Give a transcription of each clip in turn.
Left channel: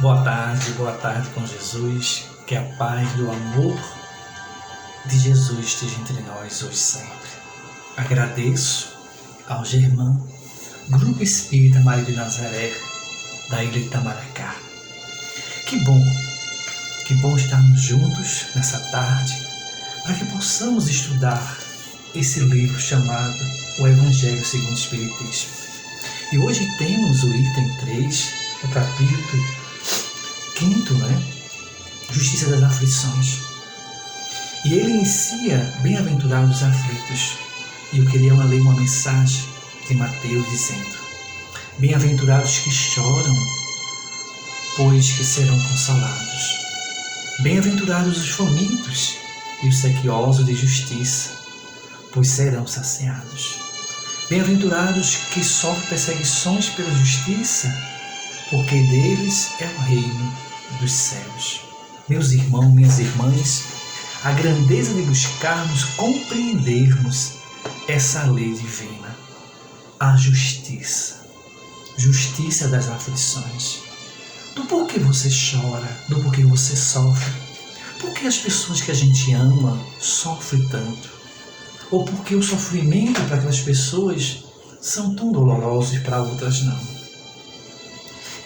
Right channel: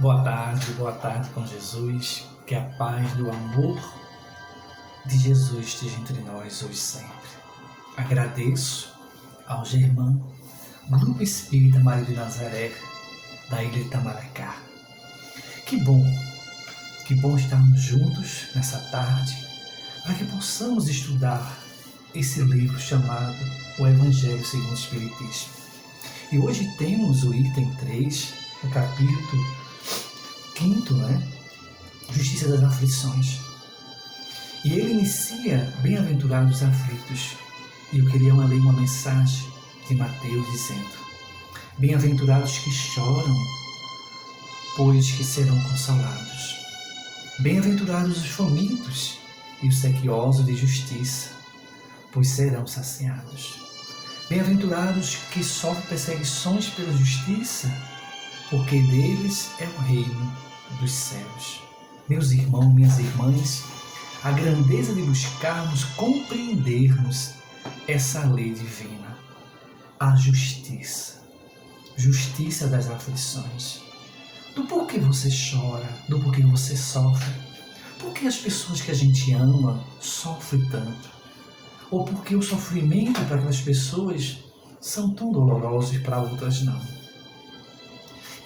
Boa tarde com Jesus, que a paz do amor de Jesus esteja entre nós hoje sempre. Agradeço ao Germão, Grupo Espírita Maria de Nazaré, da Ilha de Itamaracá. Que bom estarmos juntos nessa tarde, para que possamos estudar esse livro chamado O Evangelho segundo o Espiritismo. E hoje temos o item 3, o capítulo 5, Justiça das Aflições. E ele inicia bem-aventurados os aflitos. E eu queria ler uma mensagem de Mateus dizendo: bem-aventurados que choram, pois que serão consolados. Bem-aventurados os famintos e os sequiosos de justiça, pois serão saciados. Bem-aventurados que sofrem perseguições pela justiça, porque deles é o reino dos céus. Meus irmãos, minhas irmãs, a grandeza de buscarmos compreendermos essa lei divina, a justiça das aflições, do porquê você chora, do porquê você sofre, porque as pessoas que a gente ama sofrem tanto, ou porque o sofrimento para aquelas pessoas são tão dolorosos e para outras não.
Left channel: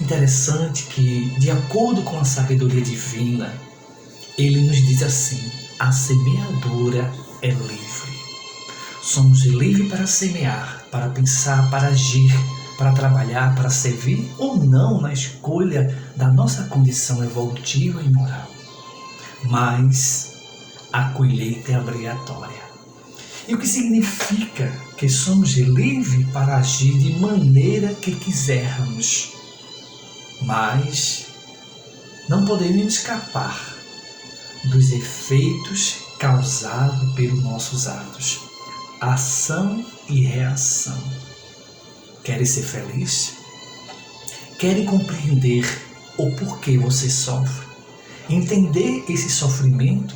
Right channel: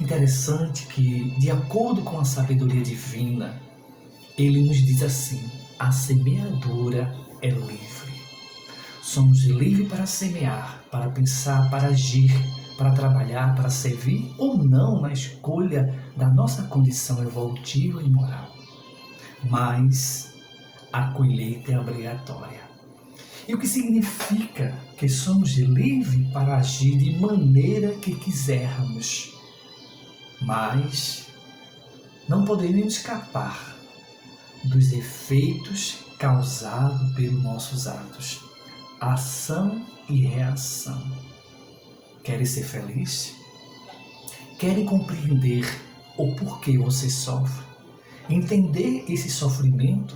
Interessante que, de acordo com a sabedoria divina, ele nos diz assim: a semeadura é livre. Somos livres para semear, para pensar, para agir, para trabalhar, para servir ou não na escolha da nossa condição evolutiva e moral. Mas a colheita é obrigatória. E o que significa que somos livres para agir de maneira que quisermos. Mas não podemos escapar dos efeitos causados pelos nossos atos, ação e reação. Querem ser feliz? Querem compreender o porquê você sofre? Entender esse sofrimento?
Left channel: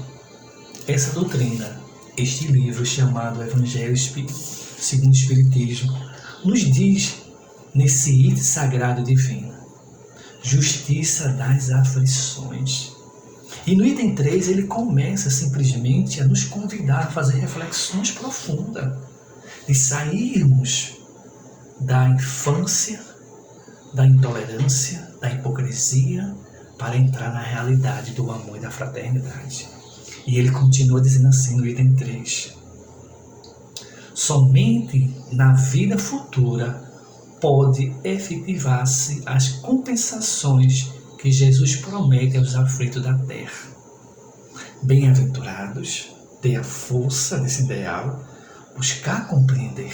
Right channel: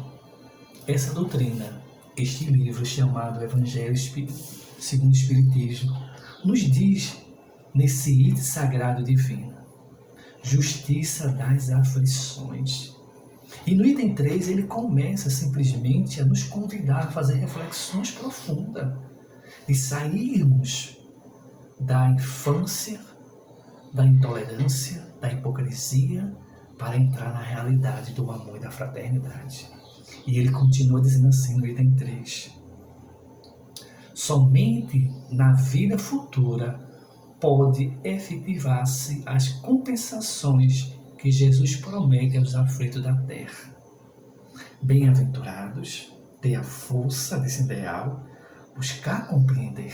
Essa doutrina, este livro chamado Evangelho segundo o Espiritismo, nos diz nesse item sagrado divino: justiça das aflições. E no item 3 ele começa simplesmente a nos convidar a fazer reflexões profundas, de sairmos da infância, da intolerância, da hipocrisia, para entrar na realidade do amor e da fraternidade. E ele continua dizendo assim no item 3: somente na vida futura pode efetivar-se as compensações que Jesus promete aos aflitos da terra. Bem-aventurados, ter a força desse ideal, buscar compreender.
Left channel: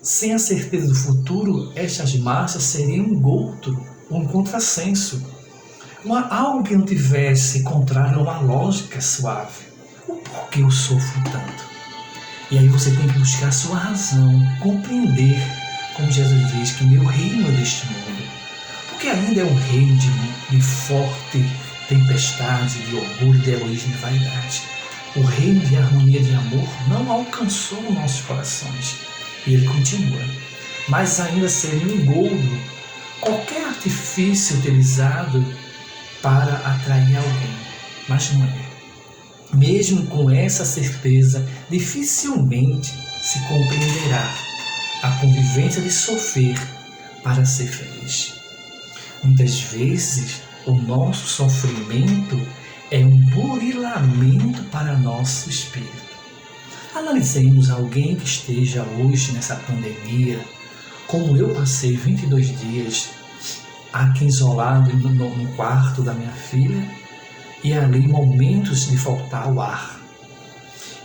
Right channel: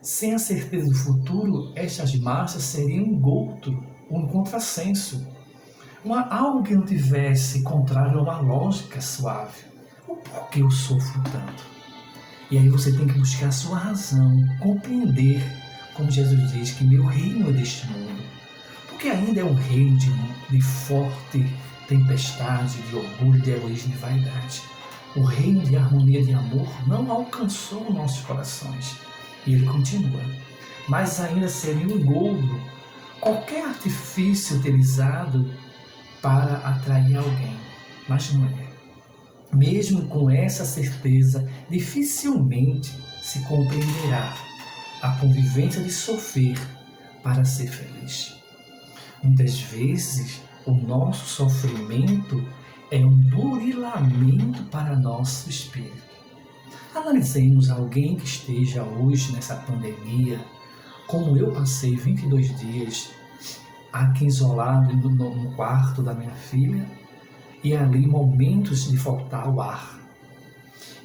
Sem a certeza do futuro, estas marchas seriam um gouto, um contrassenso, algo que não tivesse contrário a uma lógica suave. O porquê eu sofro tanto? E aí você tem que buscar a sua razão, compreender, como Jesus diz, que meu reino é deste mundo. Porque ainda é um reino de forte tempestade, de orgulho, de egoísmo e vaidade. O reino de harmonia e de amor não alcançou nossos corações. E ele continua: mas ainda seria um engodo qualquer artifício utilizado para atrair alguém. Mas não é. Mesmo com essa certeza, dificilmente se compreenderá a convivência de sofrer para ser feliz. Muitas vezes, o nosso sofrimento é um burilamento para nosso espírito. Analisemos alguém que esteja hoje nessa pandemia, como eu passei 22 dias aqui isolado no quarto da minha filha, e ali momentos de faltar o ar.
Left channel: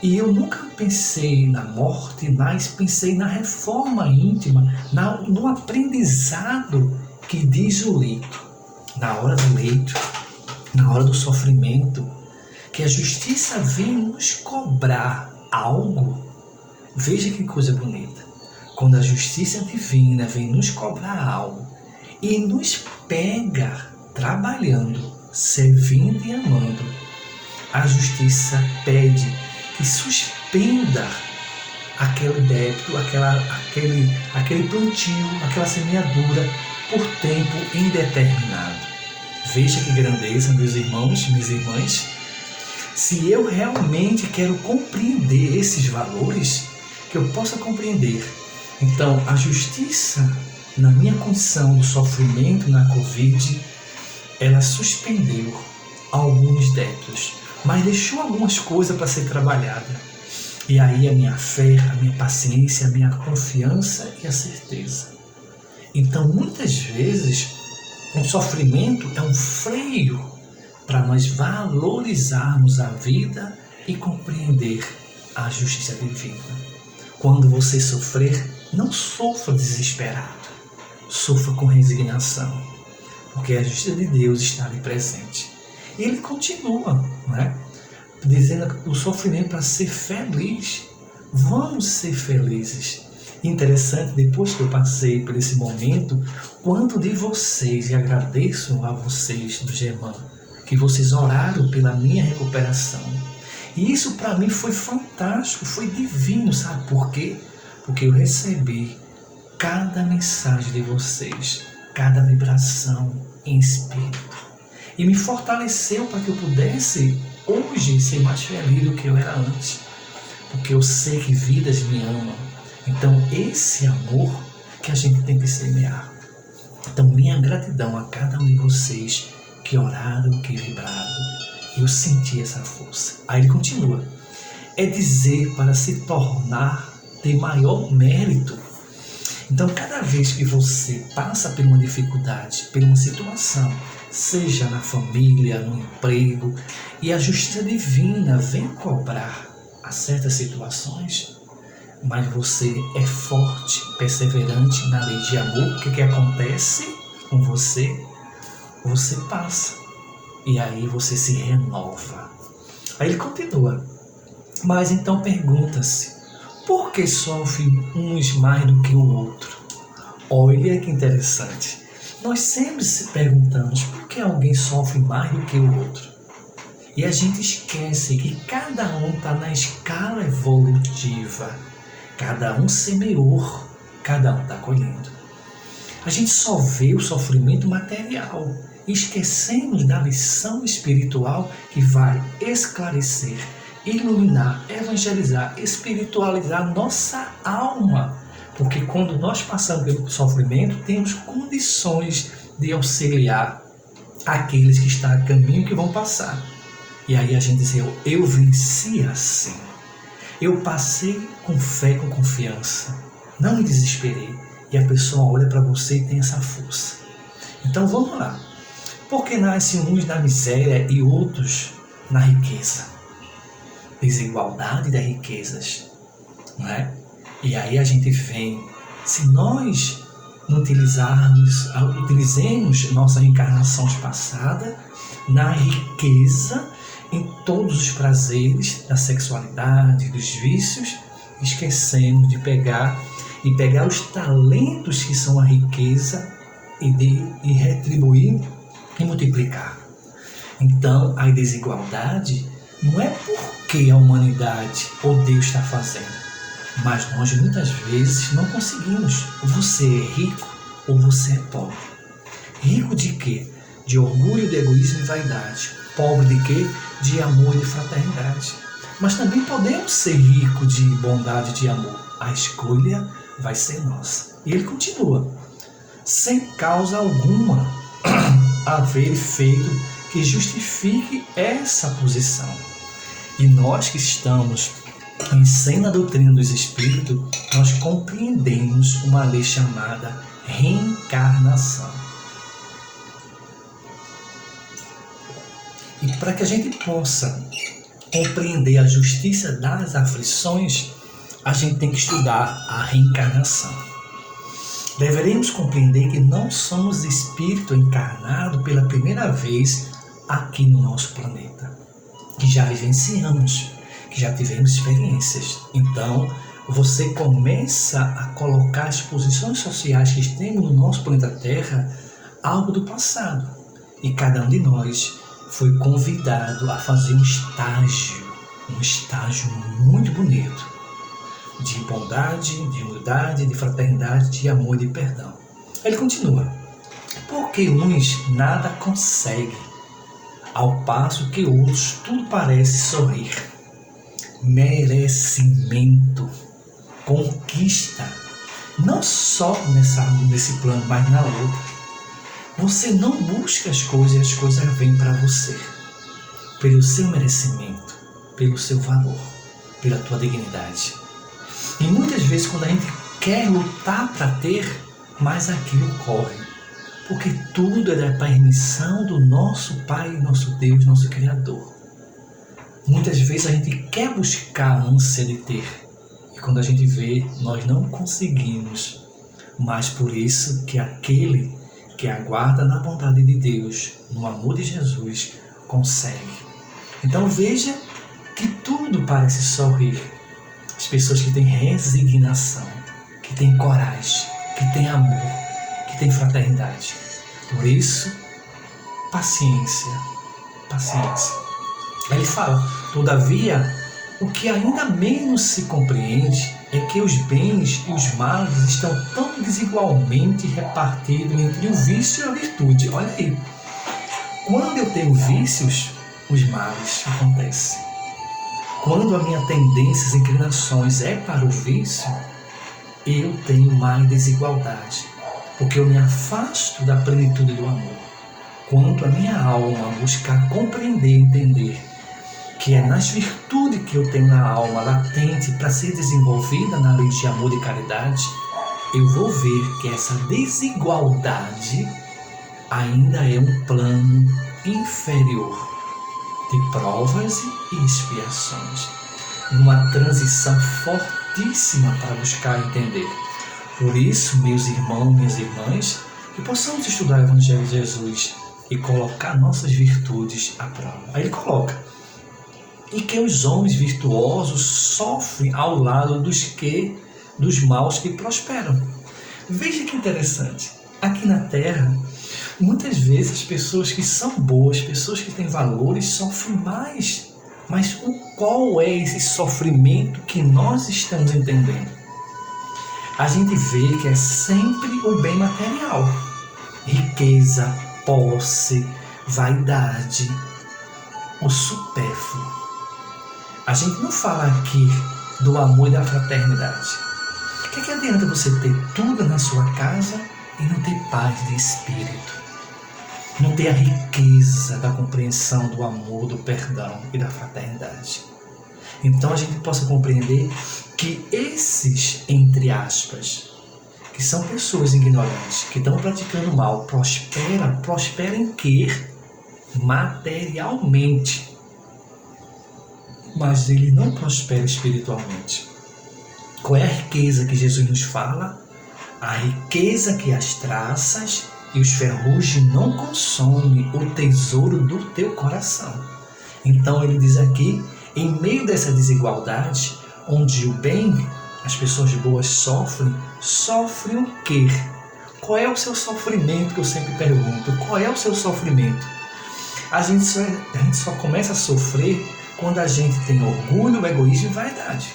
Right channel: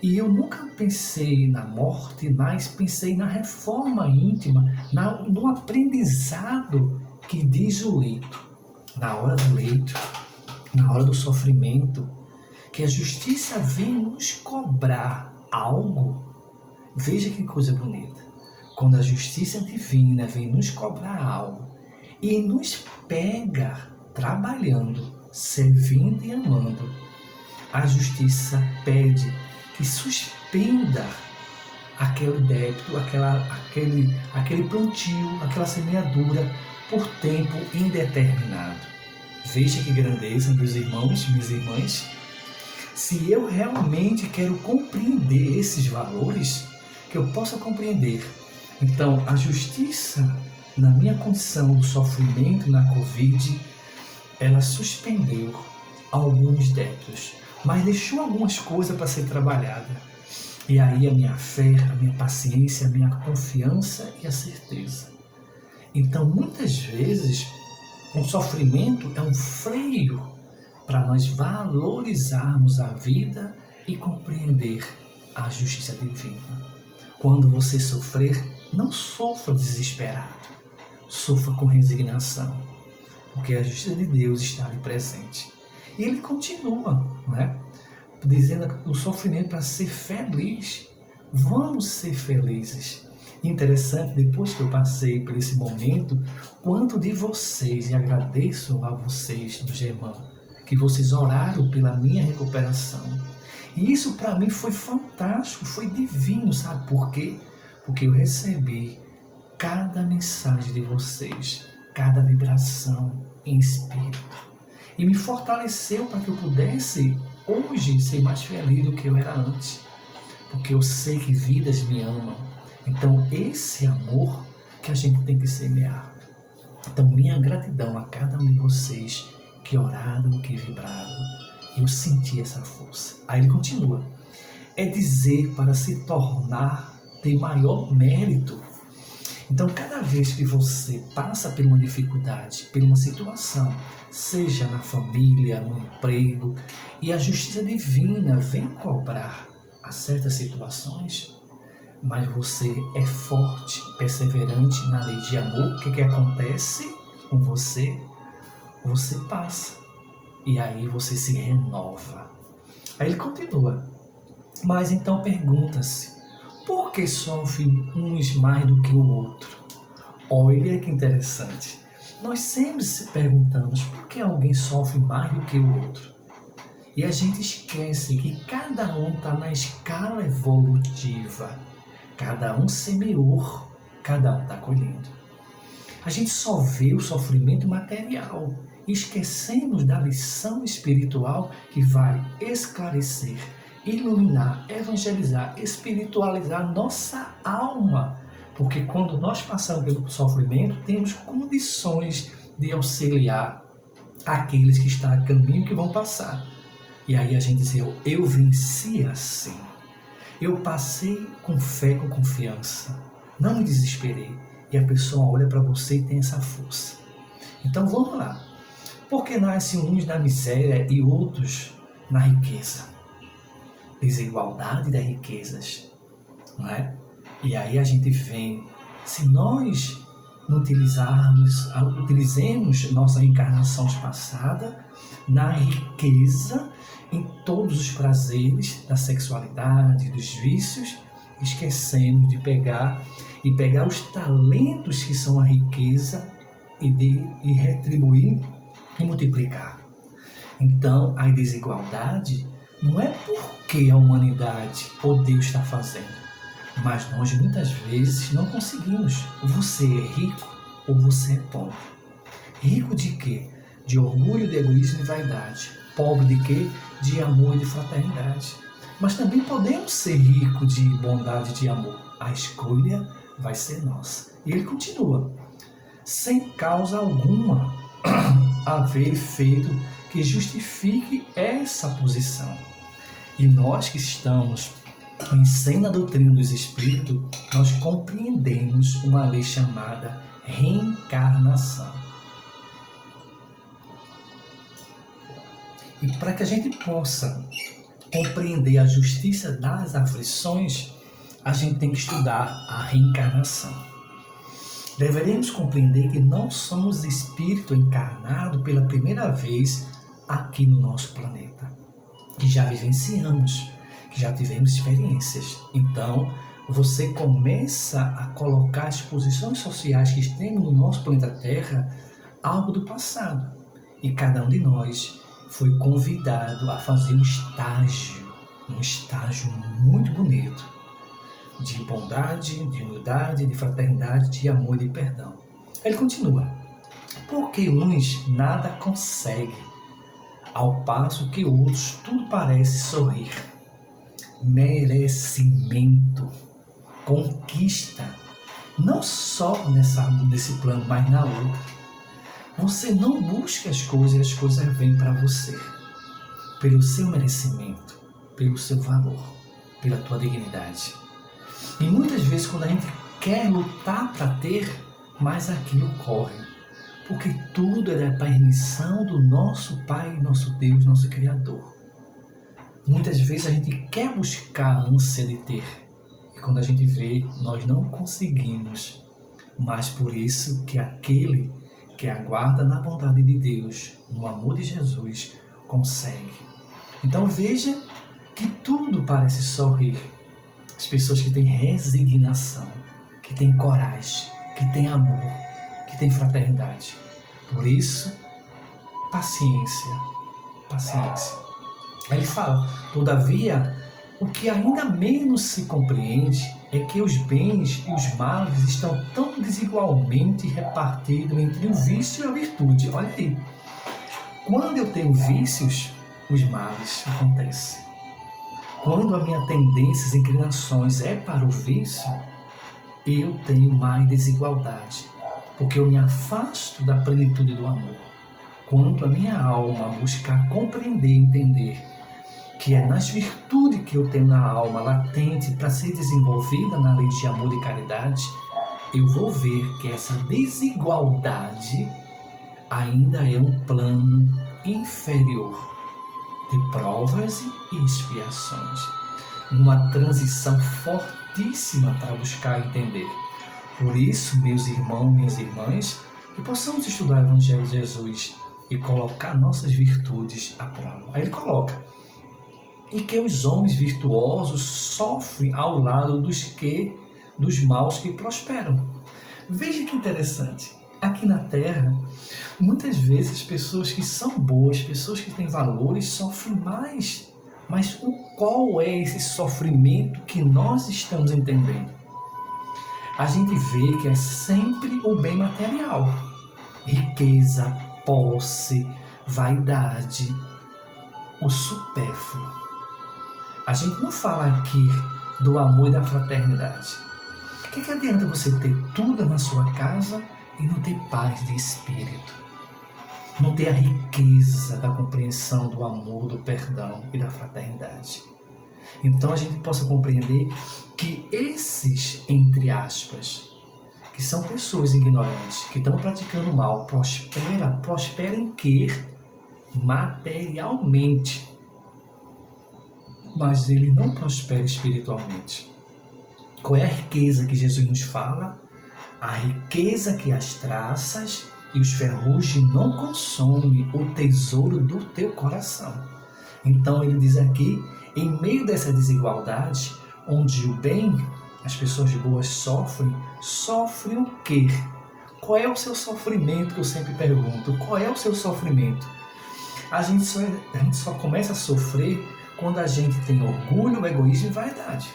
E eu nunca pensei na morte, mas pensei na reforma íntima, no aprendizado que diz o leito. Na hora do leito, na hora do sofrimento, que a justiça vem nos cobrar algo. Veja que coisa bonita. Quando a justiça divina vem nos cobrar algo e nos pega trabalhando, servindo e amando, a justiça pede que suspenda aquele débito, aquele plantio, aquela semeadura, por tempo indeterminado. Veja que grandeza, meus irmãos, minhas irmãs. Se eu realmente quero compreender esses valores, que eu possa compreender. Então, a justiça, na minha condição do sofrimento na Covid, ela suspendeu alguns débitos, mas deixou algumas coisas para ser trabalhada. E aí a minha fé, a minha paciência, a minha confiança e a certeza. Então, muitas vezes, o sofrimento é um freio para nós valorizarmos a vida e compreender a justiça divina. Quando você sofrer, não sofra desesperado, sofra com resignação, porque a justiça de Deus está ali presente. E ele continua, não é? Dizendo que o sofrimento para ser feliz. Vamos ser felizes. Interessante, depois que eu passei por esse momento, quanto de vocês, e agradeço a vocês do Germã, que vocês oraram pela minha recuperação. E isso para mim foi fantástico, foi divino, sabe por quê? Porque eu recebi cada mensagem de vocês, cada vibração em espírito. E me fortaleceu para que eu pudesse hoje ser mais feliz do que eu era antes. Porque eu sei que vidas me amam. Então esse amor que a gente tem que semear. Então minha gratidão a cada um de vocês que oraram, que vibraram. Eu senti essa força. Aí ele continua. É dizer para se tornar de maior mérito. Então cada vez que você passa por uma dificuldade, por uma situação, seja na família, no emprego, e a justiça divina vem cobrar a certas situações, mas você é forte, perseverante na lei de amor, o que acontece com você? Você passa, e aí você se renova. Aí ele continua, mas então pergunta-se, por que sofrem uns mais do que o outro? Olha que interessante. Nós sempre se perguntamos por que alguém sofre mais do que o outro. E a gente esquece que cada um está na escala evolutiva. Cada um semeou, cada um está colhendo. A gente só vê o sofrimento material e esquecemos da lição espiritual que vai esclarecer, iluminar, evangelizar, espiritualizar nossa alma. Porque quando nós passamos pelo sofrimento, temos condições de auxiliar aqueles que estão a caminho que vão passar. E aí a gente diz, eu venci assim. Eu passei com fé, com confiança. Não me desesperei. E a pessoa olha para você e tem essa força. Então vamos lá. Porque nascem uns na miséria e outros na riqueza. Desigualdade das riquezas. Não é? E aí a gente vem, se nós não utilizemos nossas encarnações passadas na riqueza, em todos os prazeres da sexualidade, dos vícios, esquecemos de pegar os talentos que são a riqueza e retribuir e multiplicar. Então, a desigualdade não é porque a humanidade ou Deus está fazendo, mas nós muitas vezes não conseguimos. Você é rico ou você é pobre. Rico de quê? De orgulho, de egoísmo e vaidade. Pobre de quê? De amor e de fraternidade. Mas também podemos ser ricos de bondade e de amor. A escolha vai ser nossa. E ele continua. Sem causa alguma haver feito que justifique essa posição. E nós que estamos em sã doutrina dos Espíritos, nós compreendemos uma lei chamada reencarnação. E para que a gente possa compreender a justiça das aflições, a gente tem que estudar a reencarnação. Deveremos compreender que não somos espírito encarnado pela primeira vez aqui no nosso planeta, que já vivenciamos, que já tivemos experiências. Então, você começa a colocar as posições sociais que temos no nosso planeta Terra algo do passado. E cada um de nós foi convidado a fazer um estágio muito bonito, de bondade, de humildade, de fraternidade, de amor e de perdão. Ele continua. Porque uns nada conseguem, ao passo que outros tudo parece sorrir. Merecimento, conquista, não só nesse plano, mas na outra. Você não busca as coisas e as coisas vêm para você. Pelo seu merecimento, pelo seu valor, pela tua dignidade. E muitas vezes quando a gente quer lutar para ter, mas aquilo corre. Porque tudo é da permissão do nosso Pai, nosso Deus, nosso Criador. Muitas vezes a gente quer buscar a ânsia de ter. E quando a gente vê, nós não conseguimos. Mas por isso que aquele que aguarda na bondade de Deus, no amor de Jesus, consegue. Então veja que tudo parece sorrir. As pessoas que têm resignação, que têm coragem, que têm amor, que têm fraternidade. Por isso, paciência, paciência. Ele fala, todavia, o que ainda menos se compreende é que os bens e os males estão tão desigualmente repartidos entre o vício e a virtude. Olha aí, quando eu tenho vícios, os males acontecem. Quando a minha tendência e inclinações é para o vício, eu tenho mais desigualdade, porque eu me afasto da plenitude do amor. Quanto a minha alma buscar compreender e entender que é nas virtudes que eu tenho na alma latente para ser desenvolvida na lei de amor e caridade, eu vou ver que essa desigualdade ainda é um plano inferior de provas e expiações, numa transição fortíssima para buscar entender. Por isso, meus irmãos, minhas irmãs, que possamos estudar o Evangelho de Jesus e colocar nossas virtudes à prova. Aí ele coloca, e que os homens virtuosos sofrem ao lado dos maus que prosperam. Veja que interessante, aqui na Terra, muitas vezes as pessoas que são boas, pessoas que têm valores, sofrem mais. Mas qual é esse sofrimento que nós estamos entendendo? A gente vê que é sempre o bem material. Riqueza, posse, vaidade, o supérfluo. A gente não fala aqui do amor e da fraternidade. O que adianta você ter tudo na sua casa e não ter paz de espírito? Não ter a riqueza da compreensão do amor, do perdão e da fraternidade. Então a gente possa compreender que esses, entre aspas, que são pessoas ignorantes, que estão praticando mal, prosperam em quê? Materialmente. Mas ele não prospera espiritualmente. Qual é a riqueza que Jesus nos fala? A riqueza que as traças e os ferrugem não consomem, o tesouro do teu coração. Então ele diz aqui, em meio dessa desigualdade, onde o bem, as pessoas boas sofrem o quê? Qual é o seu sofrimento, que eu sempre pergunto? Qual é o seu sofrimento? A gente só começa a sofrer quando a gente tem orgulho, egoísmo e vaidade.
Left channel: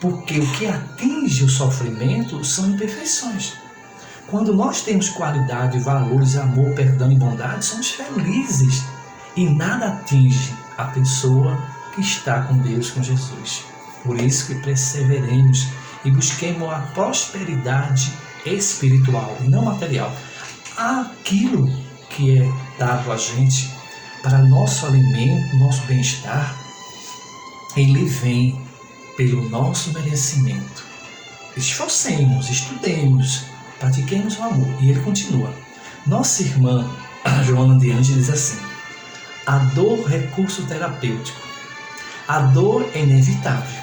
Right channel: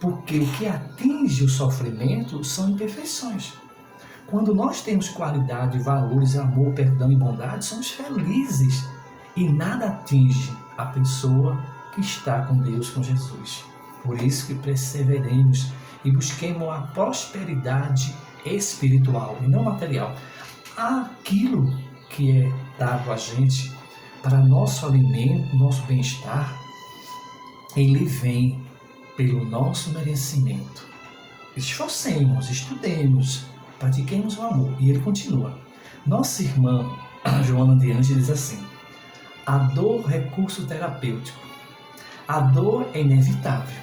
Porque o que atinge o sofrimento são imperfeições. Quando nós temos qualidade, valores, amor, perdão e bondade, somos felizes. E nada atinge a pessoa que está com Deus, com Jesus. Por isso que perseveremos e busquemos a prosperidade espiritual e não material. Aquilo que é dado a gente para nosso alimento, nosso bem-estar, ele vem pelo nosso merecimento. Esforcemos, estudemos, pratiquemos o amor. E ele continua. Nossa irmã Joana de Ângeles diz assim, a dor, recurso terapêutico. A dor é inevitável.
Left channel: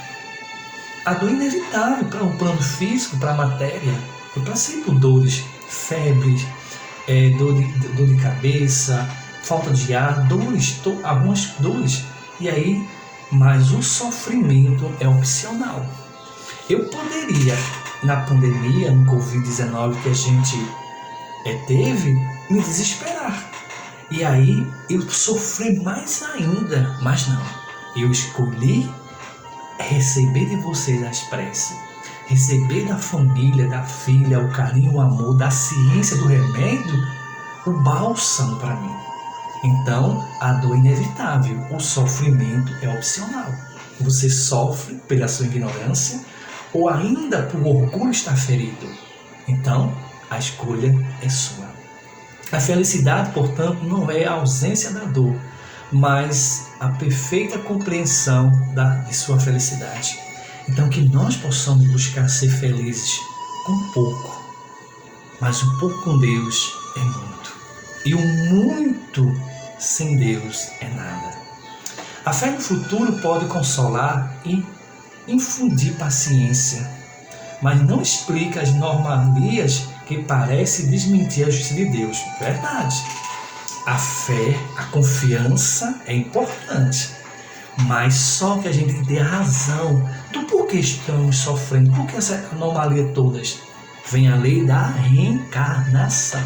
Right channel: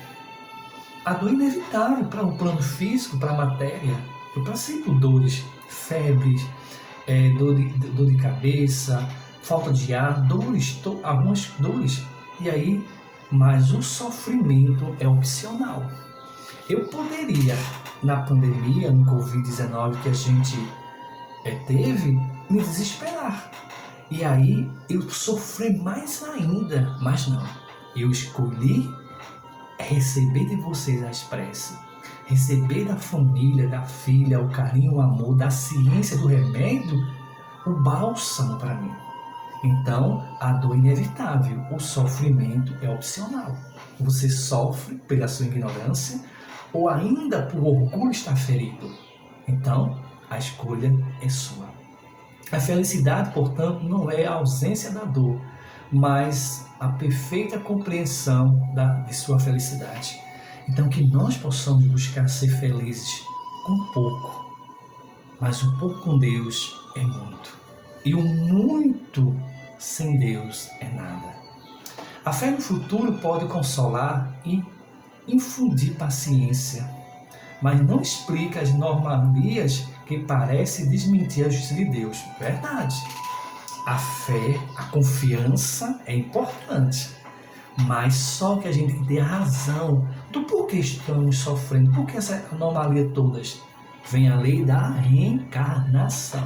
A dor é inevitável para o plano físico, para a matéria. Eu passei por dores, febres, dor de cabeça, falta de ar, algumas dores. E aí, mas o sofrimento é opcional. Eu poderia, na pandemia, no Covid-19 que a gente teve, me desesperar. E aí eu sofri mais ainda, mas não. Eu escolhi receber de vocês as preces, receber da família, da filha, o carinho, o amor, da ciência do remédio, o bálsamo para mim. Então, a dor é inevitável, o sofrimento é opcional. Você sofre pela sua ignorância ou ainda por orgulho estar ferido. Então, a escolha é sua. A felicidade, portanto, não é a ausência da dor, mas a perfeita compreensão de sua felicidade. Então, que nós possamos buscar ser felizes com pouco, mas o pouco com Deus é muito. E o muito sem Deus é nada. A fé no futuro pode consolar e infundir paciência, mas não explica as normalias que parecem desmentir a justiça de Deus. Verdade. A fé, a confiança é importante, mas só que a gente tem que ter a razão do porquê estamos sofrendo, por que essa anomalia todas. Vem a lei da reencarnação.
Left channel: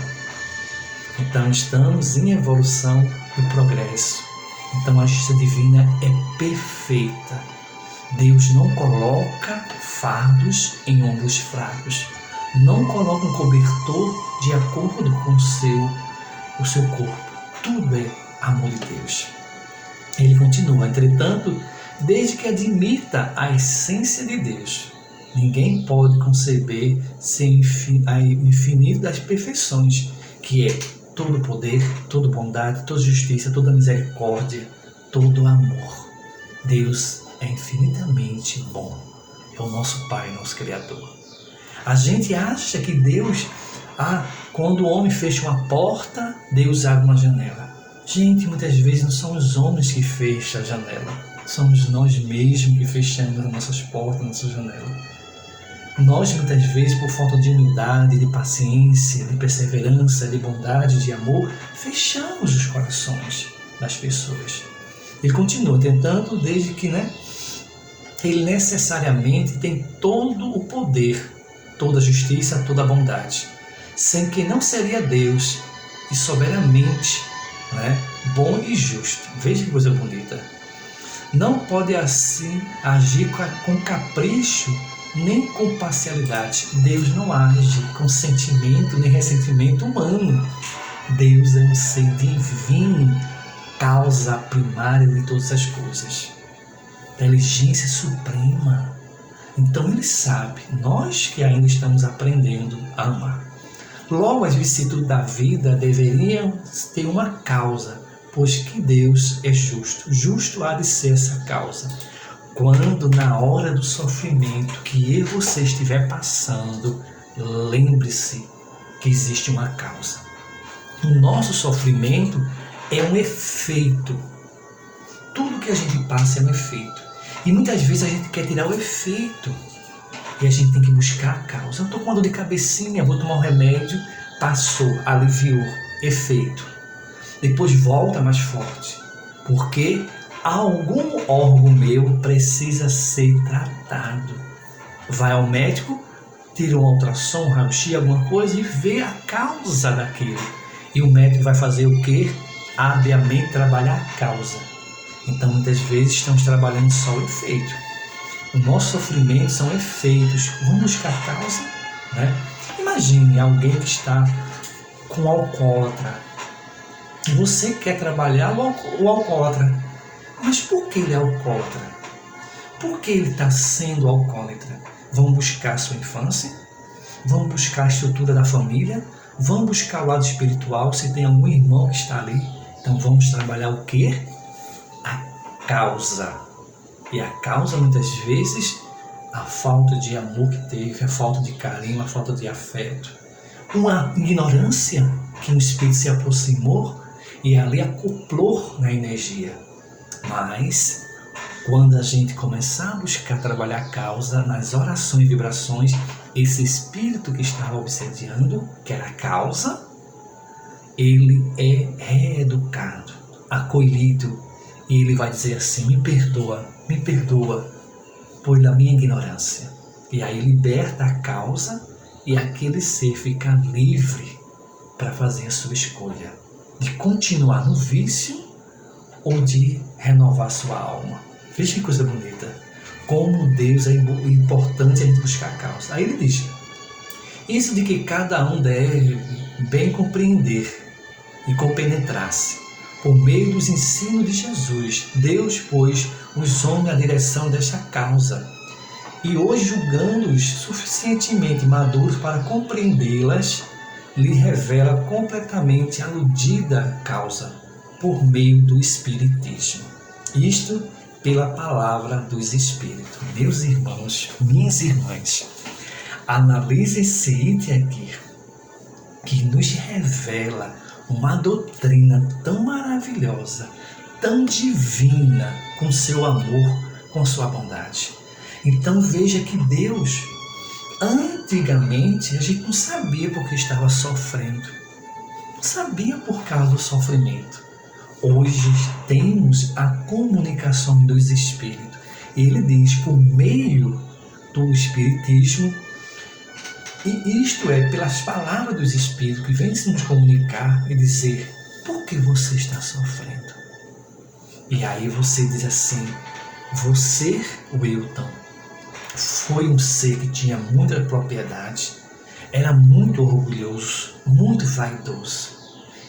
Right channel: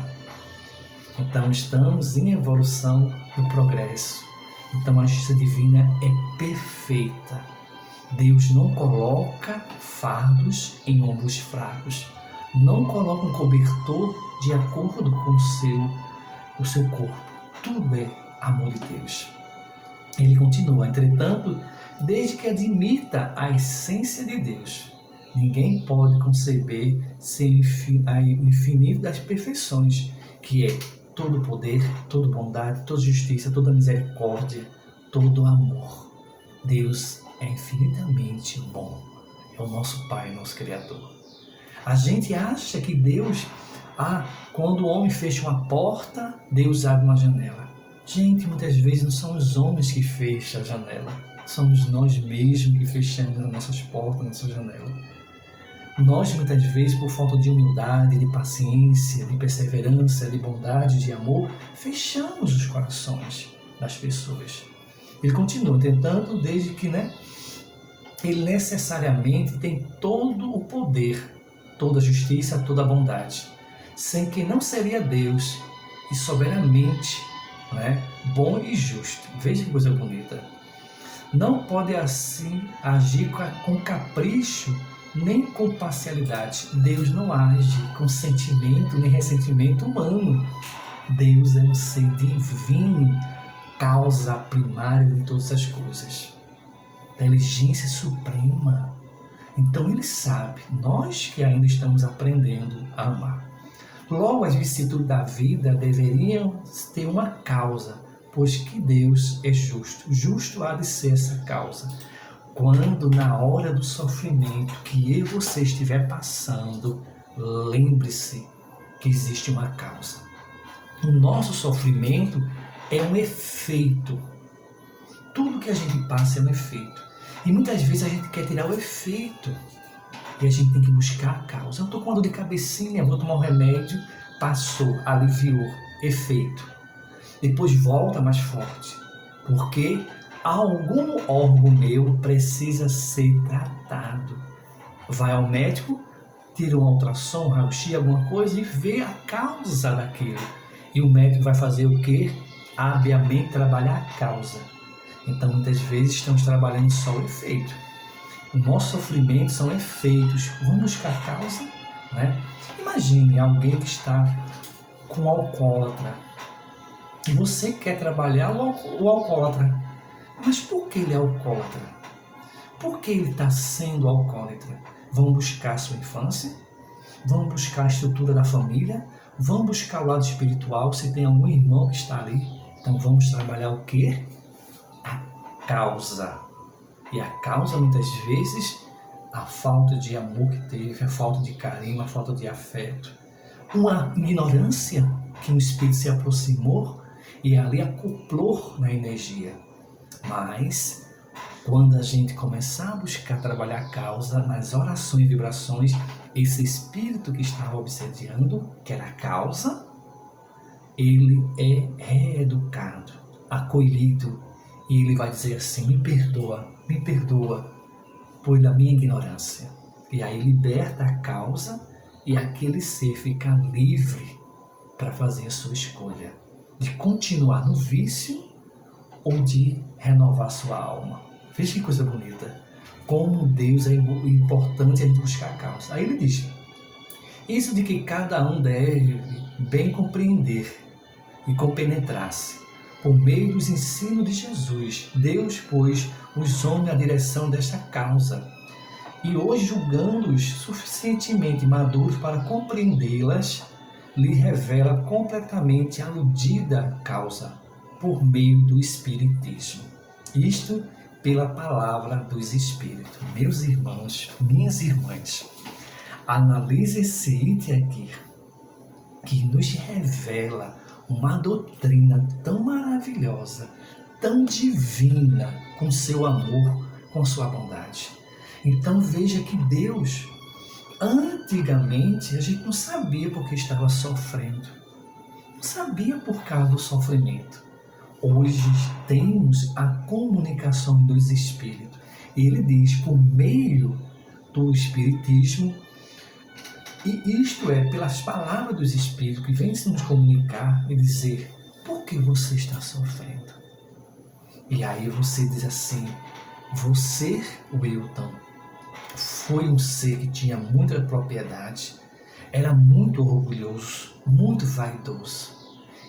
Então estamos em evolução e progresso. Então a justiça divina é perfeita. Deus não coloca fardos em ombros fracos. Não coloca um cobertor de acordo com o seu corpo. Tudo é amor de Deus. Ele continua, entretanto, desde que admita a essência de Deus, ninguém pode conceber sem o infinito das perfeições, que é todo poder, toda bondade, toda justiça, toda misericórdia, todo amor. Deus é infinitamente bom. É o nosso Pai, nosso Criador. A gente acha que Deus, quando o homem fecha uma porta, Deus abre uma janela. Gente, muitas vezes não são os homens que fecham a janela. Somos nós mesmos que fechamos as nossas portas, nossa janela. Nós, muitas vezes, por falta de humildade, de paciência, de perseverança, de bondade, de amor, fechamos os corações das pessoas. Ele continua tentando desde que, ele necessariamente tem todo o poder, toda a justiça, toda a bondade, sem que não seria Deus e soberanamente, bom e justo. Veja que coisa bonita. Não pode assim agir com capricho nem com parcialidade. Deus não age com sentimento nem ressentimento humano. Deus é um ser divino, causa primária de todas as coisas, inteligência suprema. Então ele sabe, nós que ainda estamos aprendendo a amar. Logo, as vicissitudes da vida deveriam ter uma causa, pois que Deus é justo. Justo há de ser essa causa. Quando na hora do sofrimento que eu e você estiver passando, lembre-se que existe uma causa. O nosso sofrimento é um efeito. Tudo que a gente passa é um efeito. E muitas vezes a gente quer tirar o efeito. E a gente tem que buscar a causa. Eu estou com uma dor de cabecinha, vou tomar um remédio, passou, aliviou, efeito. Depois volta mais forte. Porque algum órgão meu precisa ser tratado. Vai ao médico, tira um ultrassom, um raio-x, alguma coisa e vê a causa daquilo. E o médico vai fazer o quê? Habilmente trabalhar a causa. Então, muitas vezes, estamos trabalhando só o efeito. O nosso sofrimento são efeitos. Vamos buscar a causa, Imagine alguém que está com um alcoólatra. E você quer trabalhar o alcoólatra. Mas por que ele é alcoólatra? Por que ele está sendo alcoólatra? Vamos buscar a sua infância? Vamos buscar a estrutura da família? Vamos buscar o lado espiritual, se tem algum irmão que está ali. Então vamos trabalhar o quê? A causa. E a causa, muitas vezes, a falta de amor que teve, a falta de carinho, a falta de afeto. Uma ignorância que o Espírito se aproximou e ali acoplou na energia. Mas, quando a gente começar a buscar trabalhar a causa nas orações e vibrações, esse Espírito que estava obsediando, que era a causa, ele é reeducado, acolhido, e ele vai dizer assim: me perdoa pela minha ignorância. E aí liberta a causa e aquele ser fica livre para fazer a sua escolha de continuar no vício ou de renovar sua alma. Veja que coisa bonita. Como Deus é importante a gente buscar a causa. Aí ele diz: isso de que cada um deve bem compreender e compenetrasse. Por meio dos ensinos de Jesus, Deus pôs os homens à direção desta causa. E hoje, julgando-os suficientemente maduros para compreendê-las, lhe revela completamente a aludida causa, por meio do Espiritismo. Isto pela palavra dos Espíritos. Meus irmãos, minhas irmãs, analise esse item aqui, que nos revela uma doutrina tão maravilhosa, tão divina, com seu amor, com sua bondade. Então veja que Deus, antigamente, a gente não sabia porque estava sofrendo, não sabia por causa do sofrimento. Hoje temos a comunicação dos Espíritos. Ele diz, por meio do Espiritismo, e isto é, pelas palavras dos Espíritos, que vêm se nos comunicar e dizer, por que você está sofrendo? E aí você diz assim, você, Wilton, foi um ser que tinha muita propriedade, era muito orgulhoso, muito vaidoso.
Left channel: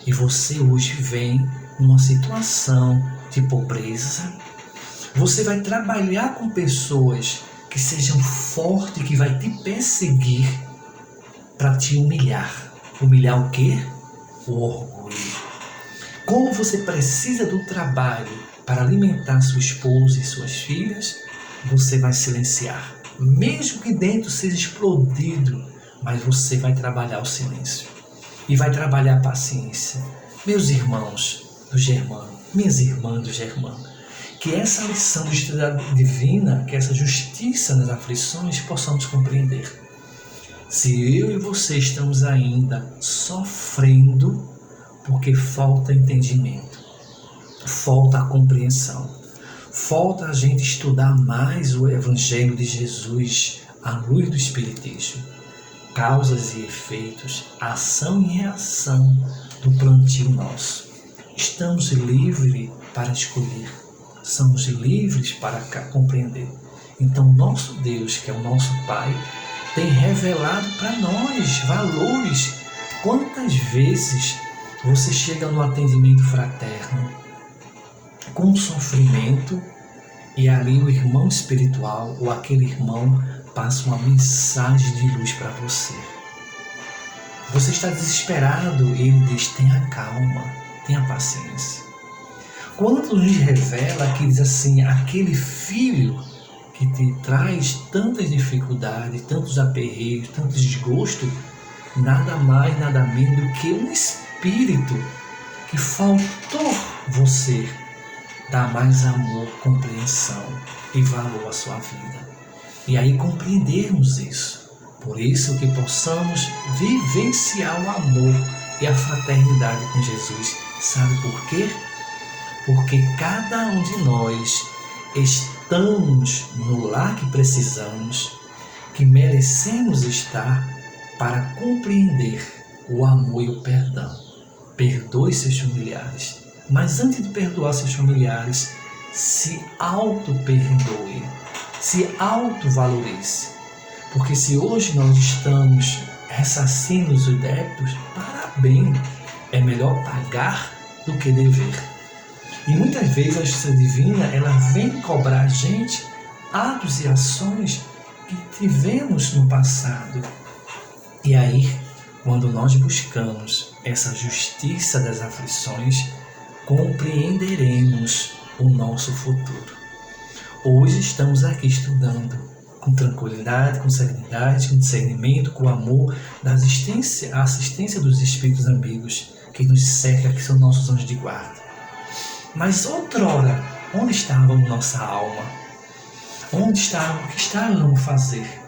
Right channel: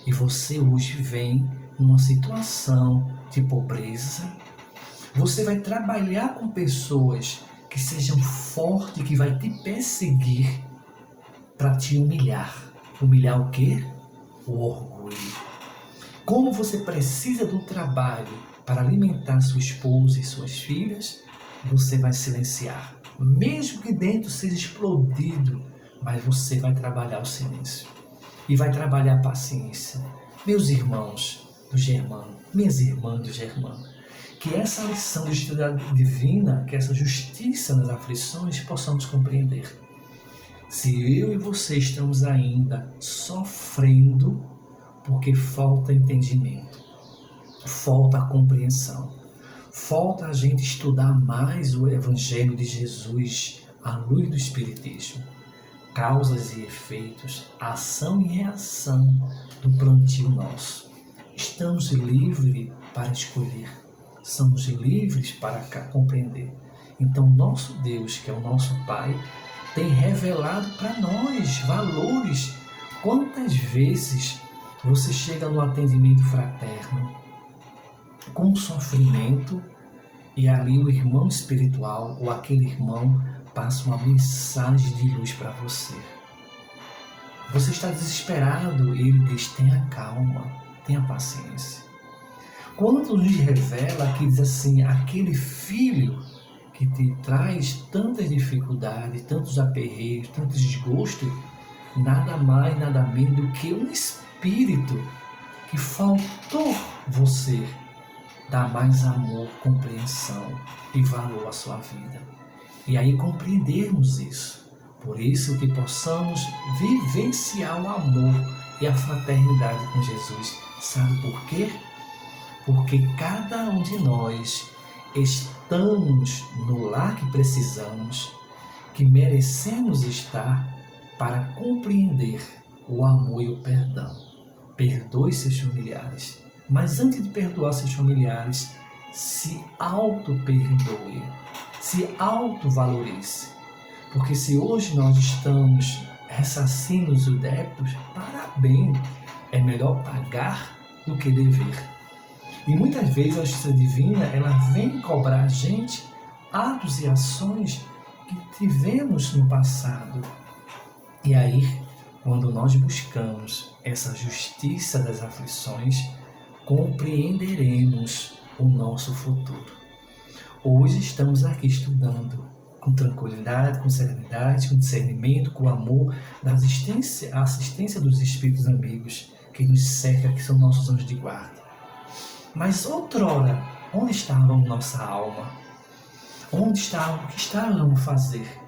E você hoje vem numa situação de pobreza. Você vai trabalhar com pessoas que sejam fortes, que vai te perseguir para te humilhar. Humilhar o quê? O orgulho. Como você precisa do trabalho para alimentar sua esposa e suas filhas, você vai silenciar. Mesmo que dentro seja explodido, mas você vai trabalhar o silêncio. E vai trabalhar a paciência. Meus irmãos do Germano, minhas irmãs do Germano, que essa lição de justiça divina, que essa justiça nas aflições, possamos compreender. Se eu e você estamos ainda sofrendo, porque falta entendimento, falta a compreensão, falta a gente estudar mais o Evangelho de Jesus à luz do Espiritismo, causas e efeitos, ação e reação do plantio nosso. Estamos livres para escolher, somos livres para compreender. Então, nosso Deus, que é o nosso Pai, tem revelado para nós valores. Quantas vezes você chega no atendimento fraterno com sofrimento e ali o irmão espiritual ou aquele irmão passa uma mensagem de luz para você. Você está desesperado e ele diz, tenha calma, tenha paciência. Quando nos revela que diz assim, aquele filho que te traz tantas dificuldades, tantos aperreios, tantos desgostos, nada mais, nada menos do que um espírito que faltou você dar mais amor, compreensão e valor à sua vida. E aí compreendermos isso. Por isso que possamos vivenciar o amor e a fraternidade com Jesus. Sabe por quê? Porque cada um de nós estamos no lar que precisamos, que merecemos estar para compreender o amor e o perdão. Perdoe seus familiares, mas antes de perdoar seus familiares, se auto-perdoe, se auto-valorize. Porque se hoje nós estamos ressarcindo os débitos, parabéns, é melhor pagar do que dever. E muitas vezes a justiça divina, ela vem cobrar a gente atos e ações que tivemos no passado. E aí, quando nós buscamos essa justiça das aflições, compreenderemos o nosso futuro. Hoje estamos aqui estudando com tranquilidade, com serenidade, com discernimento, com amor, a assistência dos Espíritos amigos que nos cercam, que são nossos anjos de guarda. Mas outrora, onde estava nossa alma? Onde estava? O que estávamos a fazer?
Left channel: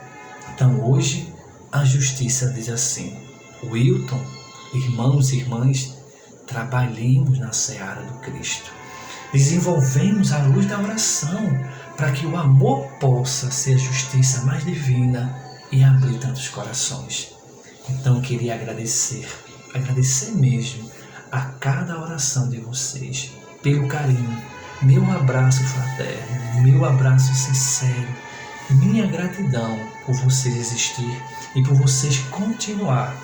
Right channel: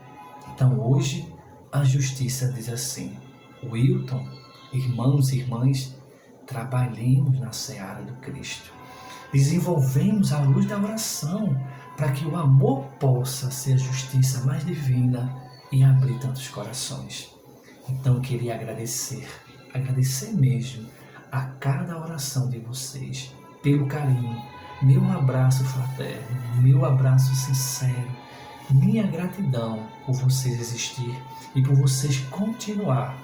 Então hoje, a justiça diz assim, Wilton, irmãos e irmãs, trabalhemos na seara do Cristo. Desenvolvemos a luz da oração para que o amor possa ser a justiça mais divina e abrir tantos corações. Então queria agradecer mesmo a cada oração de vocês, pelo carinho, meu abraço fraterno, meu abraço sincero, minha gratidão por vocês existir e por vocês continuar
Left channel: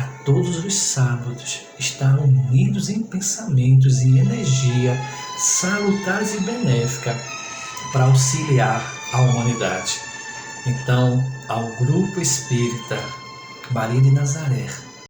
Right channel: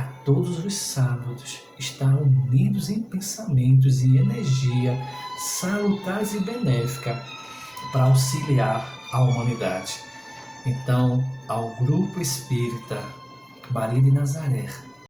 a todos os sábados, estar unidos em pensamentos e energia salutares e benéfica para auxiliar a humanidade. Então, ao Grupo Espírita Maria de Nazaré,